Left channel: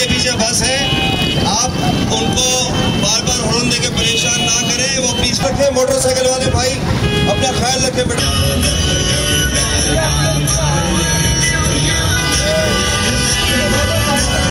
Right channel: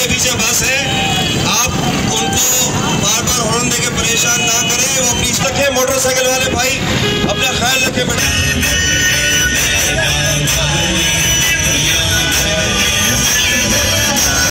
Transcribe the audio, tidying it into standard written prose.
के पीछे बस है, आप उनको बार बार हॉर्न देके परेशान ना करें। वो प्लीज रखें, मोटरसाइकिल वाले भाई अपना ख्याल रखें बेटा।